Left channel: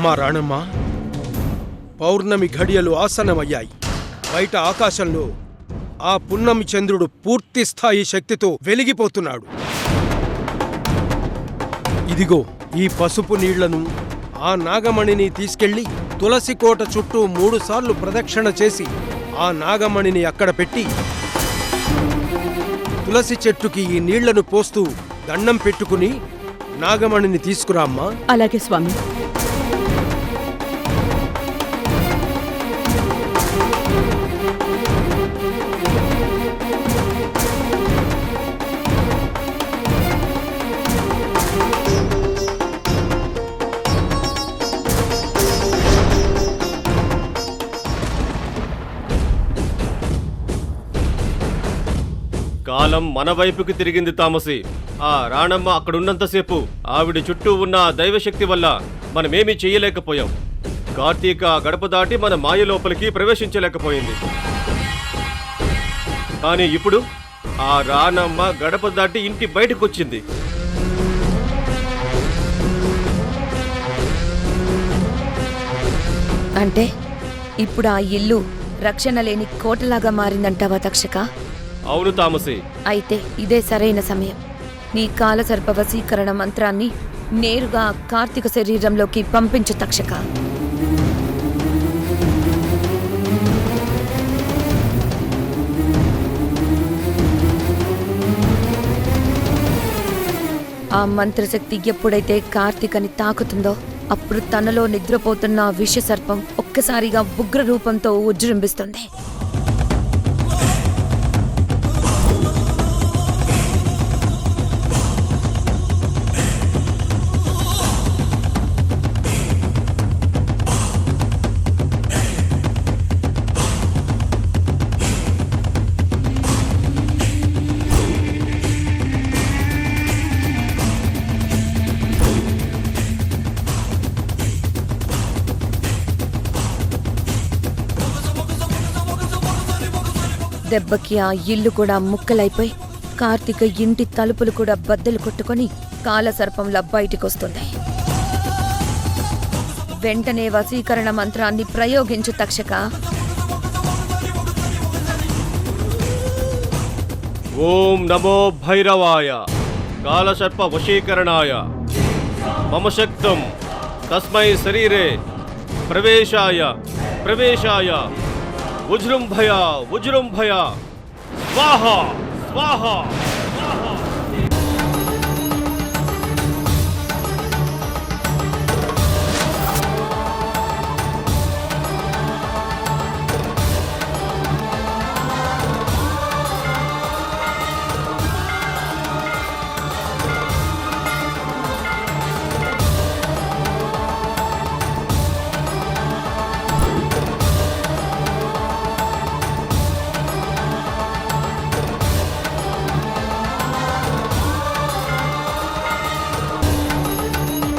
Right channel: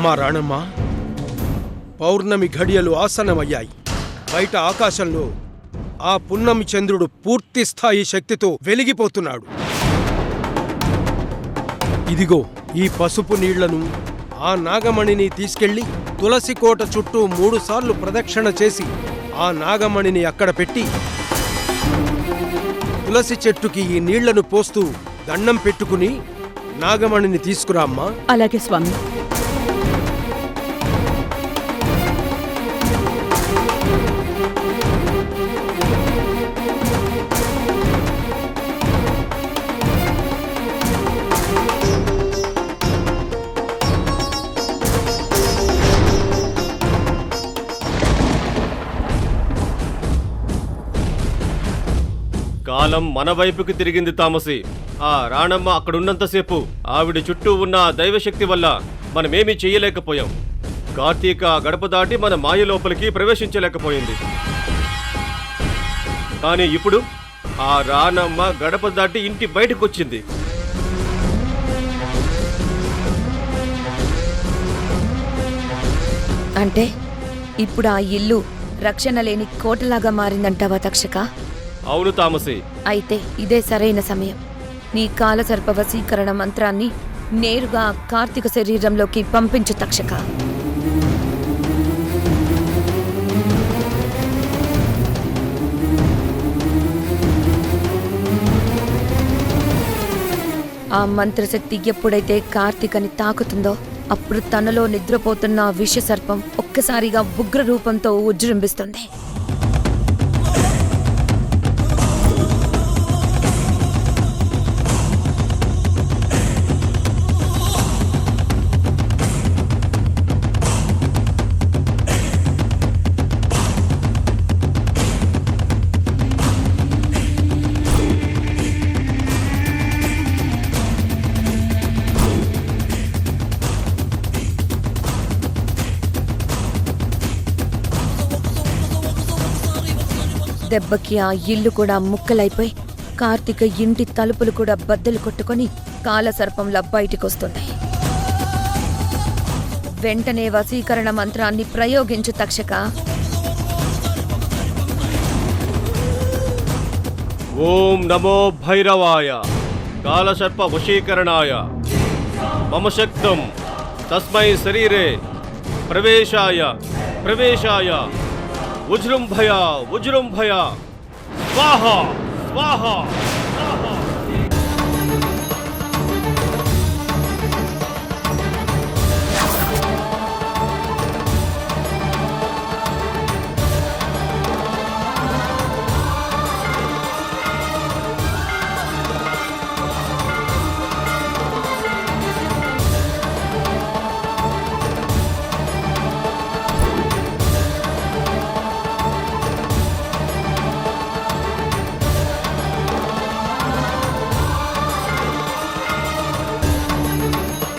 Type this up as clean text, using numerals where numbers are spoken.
అమ్మా రాణమ్మ, పౌర్ణమి ఘడియలు ఆసన్నమయ్యాయి. బయట ఆకాశంలో ఆ పున్నమి చంద్రుడు పూర్తి స్థాయి శక్తితో వెలిగిపోతున్నాడు. ఇదిగో ఈ పసుపు నీళ్లను, ఆ నాగమణిని తీసుకెళ్లి తులసి కోట చుట్టూ 3 సార్లు ప్రదక్షిణ చేసి ఆ నాగమణిని అక్కడ పెట్టి తులసి చెట్టుకి ఈ నీళ్లను పోస్తూ దండం పెట్టుకుని నాగమణిని తీసుకురా అమ్మా. అలాగే స్వామి. కాలం మన వైపుకి తిరిగింది తామసి. ఆ రాణమ్మ అక్కడున్నంతసేపు ఆవిడ చుట్టూ ఉన్న దైవశక్తి వల్ల మనమేమీ చెయ్యలేకపోయాం. కార్తీక గడప దాటి మన మాయ లోపలికి ప్రవేశించలేకపోయింది. కానీ ఇప్పుడు ఆ రాణమ్మ గడప దాటి ఇంటి బయటకొచ్చింది. అంటే ఇప్పుడు ఆ ఇల్లు రక్షణ లేని కోటలాగా మారిందంటావా తక్షక? అవును తామసి. అయితే ఇదే సరైన సమయం. నీ కాలసర్ప వశీకరణ మంత్రాన్ని నేరుగా కార్తీక శరీరంలోకి పంపించు తక్షక. ఆ మంత్రశక్తి ఎప్పుడైతే కార్తీకని తాకుతుందో అప్పుడు తనలో నిద్రపోతున్న ఆ విషసర్పం ఒక్కసారిగా ఉగ్ర రూపంతో ఉజ్జృంభిస్తుంది. దెబ్బకి ఆ ఇల్లు కూడా ముక్కలైపోయి కార్తీక ఇంటి తలుపులు కూడా బద్దలు కొట్టుకొని కాలసర్పంలా బయటికొస్తుంది. వెంటనే వశీకరణ మంత్రాన్ని ప్రయోగించు తక్షక. ఓం నమో భైరవాయ కాలసర్ప వశీకరణాయ మమ శక్తం తస్మై శరీరే ప్రవేశాయ ప్రవేశాయ ఉజృంభయ ఉజృంభయ స్వాహా స్వాహా.